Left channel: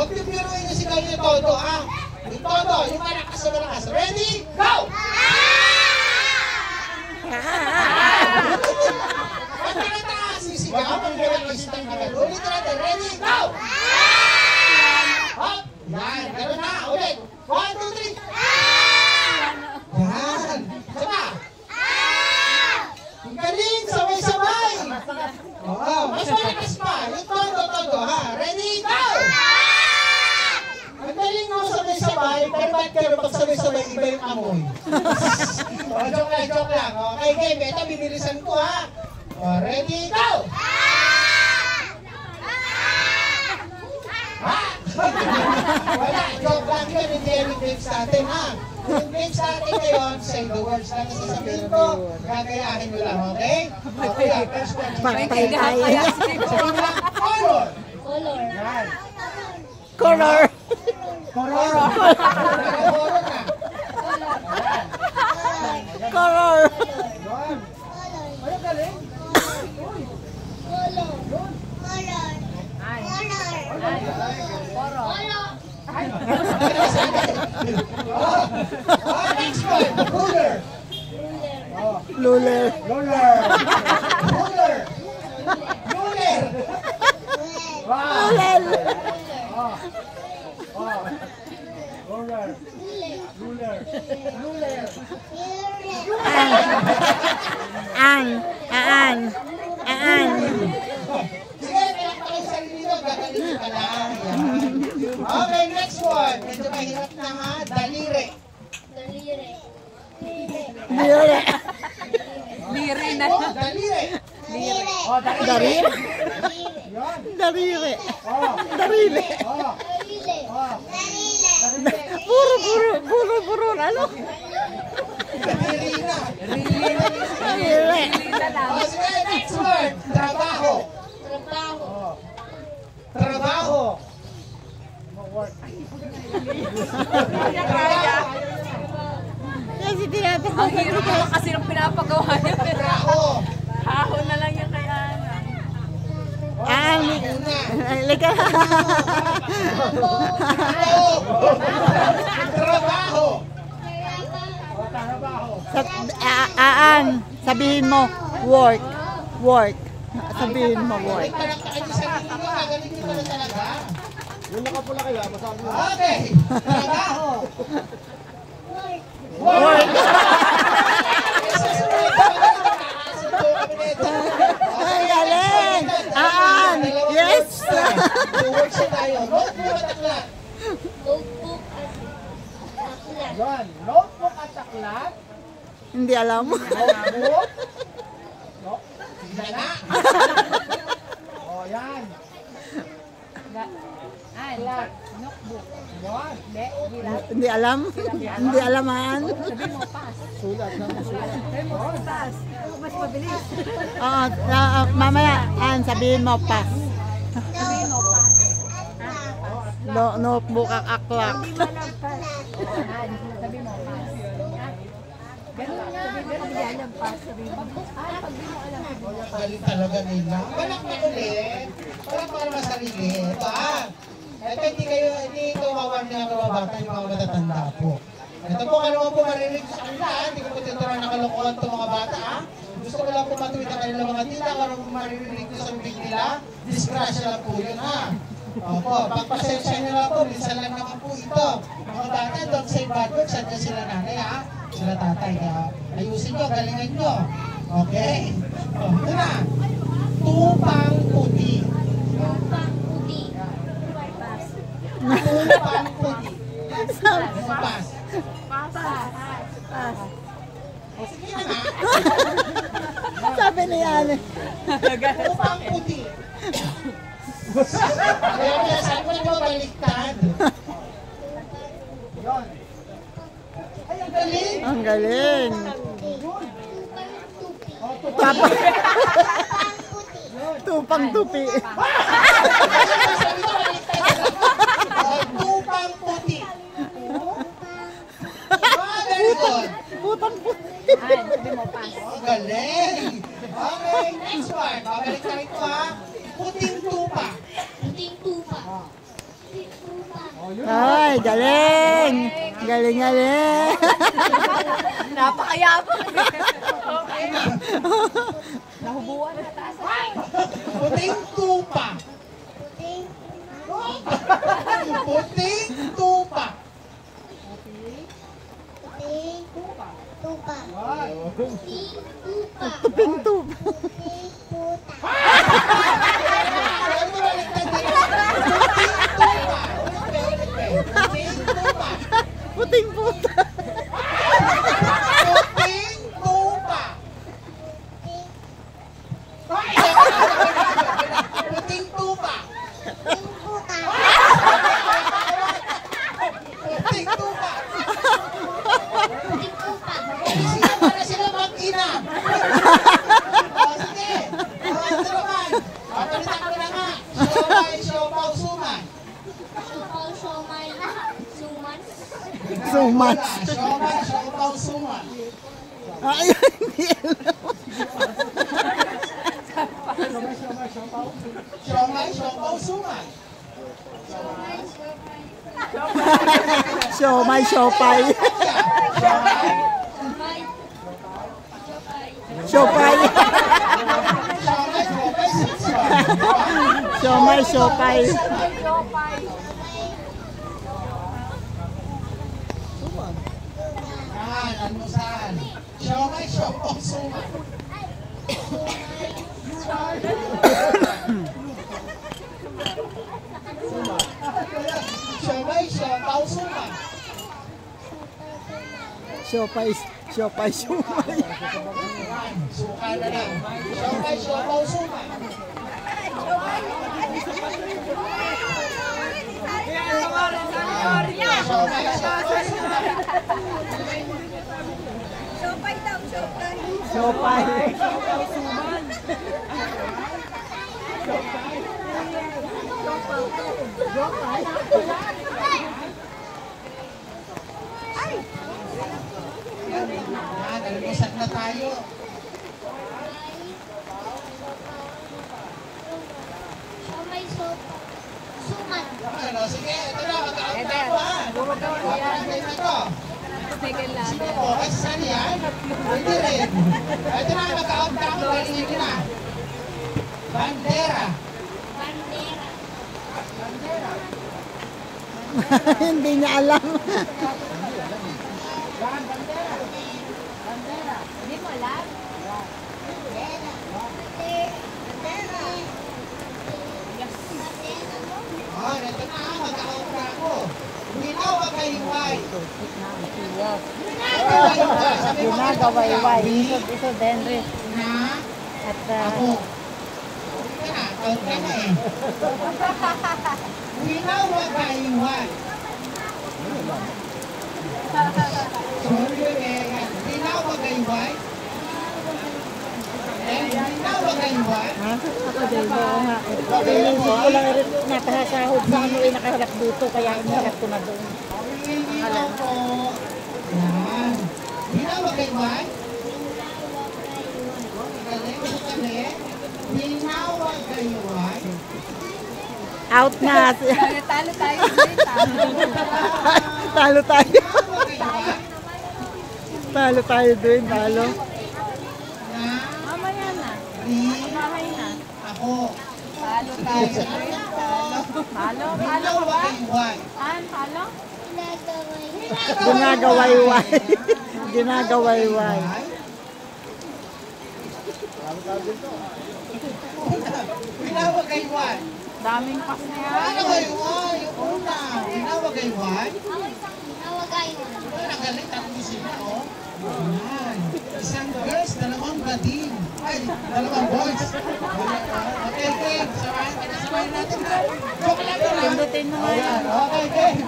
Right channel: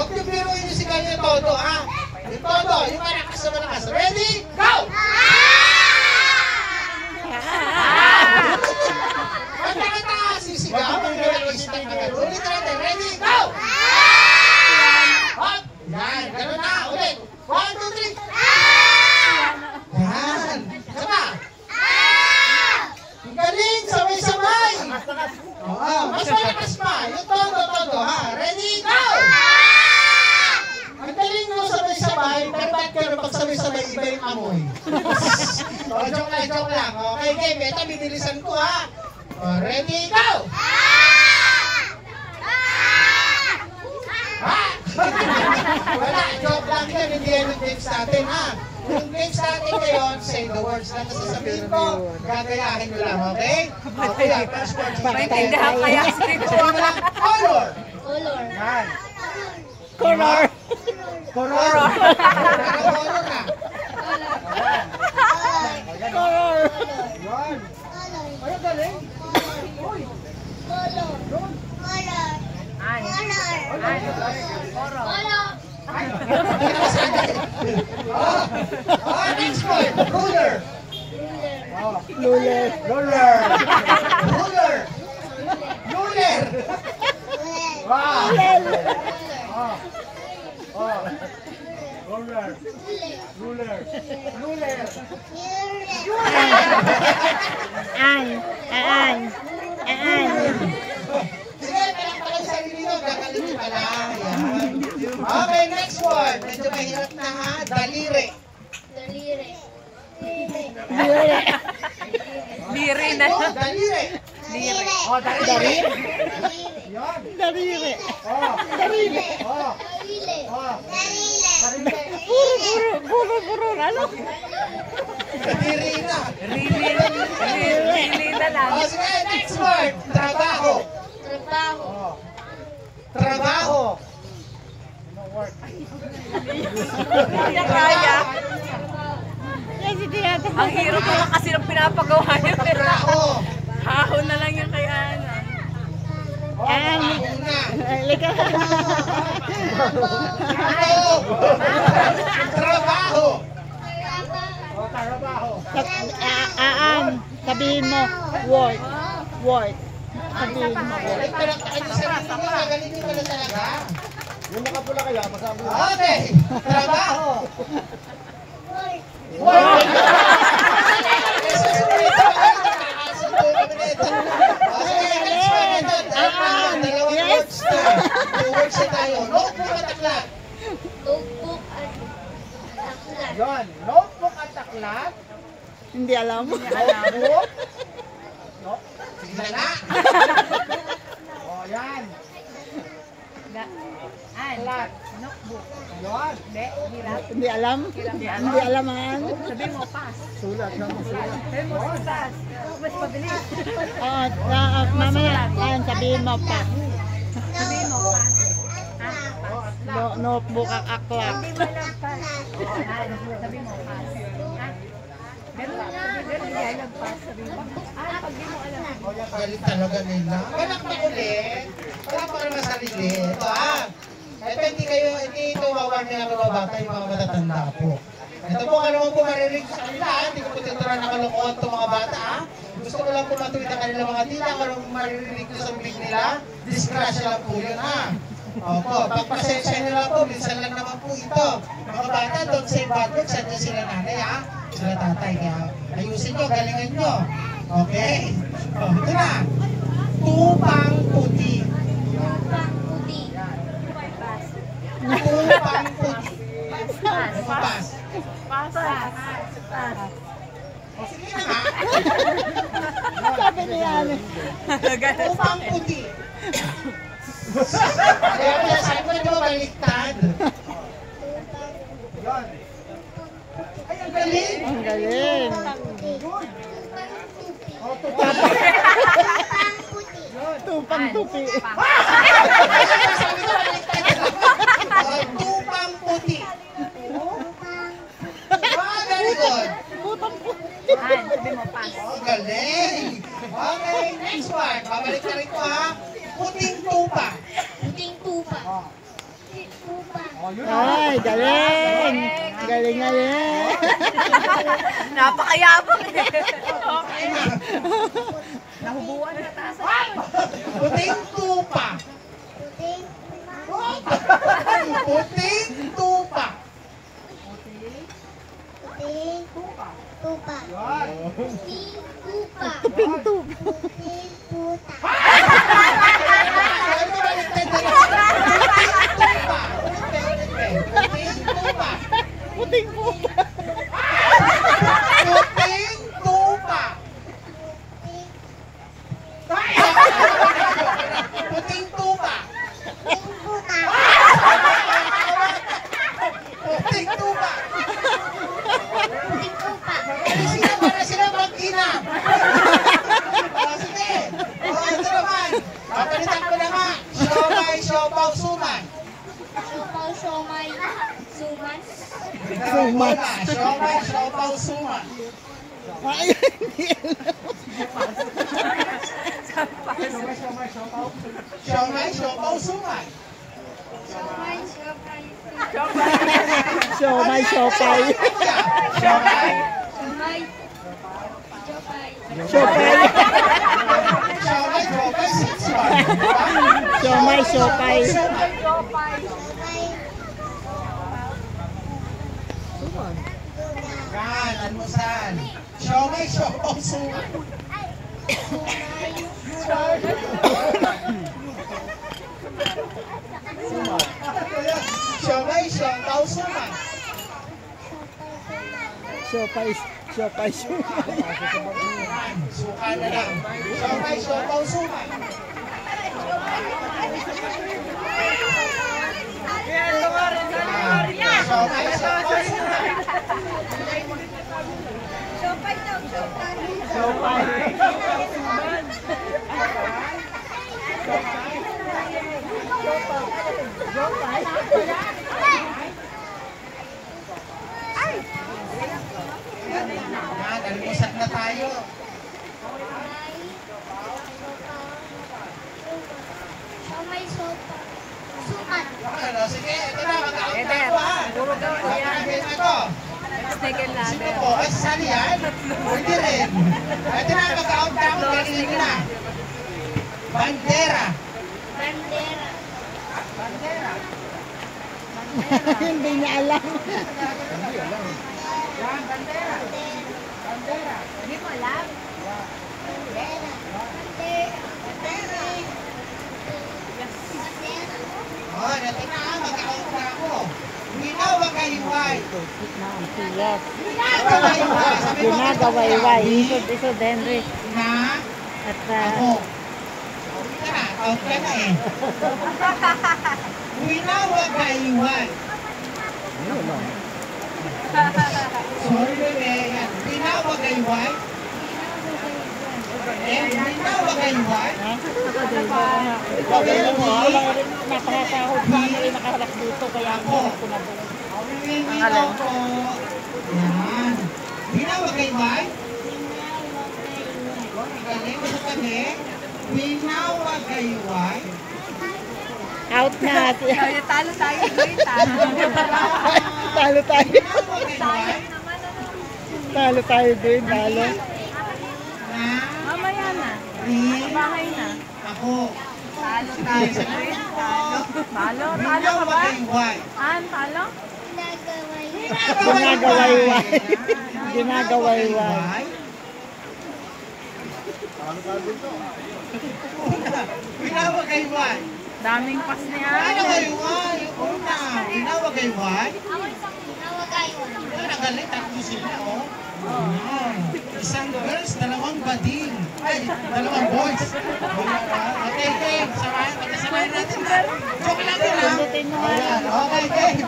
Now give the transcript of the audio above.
Huwag niyo biruin yung sigaw niyo todo, ha? Yung todo, yung malakas na malakas. Ready? Go! Kanta-kanta, sisigaw. Ang relax-tan na gano'n. Ulit natin. Ready? Go! Hop! Yan, gano'n na. Ulit. 1, 2, 3. Yan. Sama. Ang galing, sabay-sabay. Oo, mas malakas pa. Yung todo, ha? Ready? Go! Ang galing mo sabay-sabay, pero ba't ka pag sabay-sabay iba yung amoy? Joke lang. Okay, game. Ito, bibilisan ko, ha? Ready? Go! Ha? Wala, joke lang yan. Hindi yan yung games natin, ha? Yung games natin ngayon, say the words lang na sasabihin ko, gagayahin nyo lang, okay? Okay, first word. Maintindihan kaya Color. Color. Yan. Color. Color. Color na. Color. Yan. Ay, galing. Color. Next one. Ruler. Luler. Ruler. Wow. Ruler. Aan. Sige, palakpakan sa sarili nyo. Gagaling pala. Yan. Okay, next one. Medyo mahirap na, ha? Daliri. Liri na. Daliri. Liri. Daliri. Yan. Darire. Daliri. Puro. Ano? Daliri na. Liri na lang. Sige, next word. Trabaho. Trabaho. Work. Kasi tinatanong. Ang hirap naman kasi ng pinapagawa niyo. Trabaho. Hahon na lang yung kaya ano. Trabaho na. Liga. Trabaho. Aan. Sabihin mo, work. Sabihin mo, work. Palakpakan nyo sa sarili nyo. Gagaling nyo na talaga. Okay. Trabaho. Work. Yes. Work siya tayo. Notebook at aklat. Yan. Notebook at aklat. Hindi alam. Notebook. Sige na. O, yan. Aklat. Notebook. Yan. Hindi alam. Hindi alaman. Sabihin mo, pass. Sulat na. Sabihin mo, pass. Mas mabilis. Mamaya, sabihin mo pa. Sabihin mo, pass. Notebook at aklat. Sabihin mo, pass. Ganun yan yung pass. Sabihin mo, pag di mo alam. Galing talaga nila. Walang ulit. Walang naman sarili. Ito, ito hindi kawawan nila mga bata, yung mga matatanda po. Ito po, ano po marinig sa kanila, hindi ko po tinuturan na kalokohan itong mga bata, Gusto ko lang po matuwid ang kanilang mga tila, kung anong maririnig nyo sa bibig nila, disgrasya lang po yun, Opo, pagpasensya nyo lang po, minsan lang naman po ito. Mga bata, don't say bad words, sadya sila nanay, sila tatay. Kaya ayusin nyo, galingan nyo. Okay? Ito na. Tupang puti. Tupang puti. Pass. O sige na nga. Sabi niya. Tupang puti. Kaya sabi ko na baliktad. Yan. Ay, ang galing. Ang galing. Tupang tupi. Tupang puti. Very good. Putang puti. Sabihin mo, pass. Galing. Okay, next one. Babalik na rin ko, Puting tupa. Ay, galing. Galing, galing. Napakayabang. Nahubuan na taas. Puting tupa. Puting tupa. Pinto. Puting tupa. Puting puta. Puting tupa. Puting tupa. Puting tupa. Sino para sila mag-ina? Sige. Ito naman. Papalitan ko na nga. Siomay, siopaw, suman. Suman. Siomay, siopaw, suman. Ay, hindi alam. Siomay, siopaw, suman. Siomay, siopay. Siomay. Siopay. Siomay, siopay, sitsuan. Siomay, siopay. Yan, almusal. Siomay, siopaw, suman. Siomay, siopaw, suman. Siopay, siopay, siomay. Suka na lang. Siomay, siopaw, suman. Siomay, siopaw, suman. Siopay. Yan, almusal na tayo. Ano, sige, ito na, mag-out na ako ha. Mag-out na to. Second Sino lager. po? Ay, saan yan? Pwede rin. Ito na, mag-out na ako. Kanina na. Bandera. Bandera. Hindi niya alam. Yan, bandera. Bandera. Hindi mo alam? Oh, natin na, mag-out na ako. Ginawag kayo-way. Yes. Ginagawa-iway. Sabi mo, Ginagawayway. Isod Henry. Na At ako. Ito na, out ka na eh. Ginawag kayo-way. Sorry, bebe. Ginawag kayo-way. Ginawag kayo-way. ako din ba nga. Hindi ko lang rin nakakahod sa ano yung nakaharap dito. Kaya ang harap ko na doon. Ginagawa ko. Yan. Ginawag kayo-way. Galing mo sa kami. Ginawag kayo-way. Out na. Talo tayo. Talo. Talo tayo. Talo tayo doon. Talo. Na Mamaya na. rin Bahay na. ako. Talo tayo. Talo. Talo. Talo ka ba? Kayo-way. Talo? Ginagawayway. Ginagawayway. Ginawag kayo-way. Daming pas na yan. Ano kayo-way? Yung una. Ginawag kayo-way. Nagalit ako sila, oh. Isang girls, dalawang bading. Ay, dalawang boys. Okay, game. Samahan natin. Joke lang yun, ah. Pindutin mo nga. Okay, game.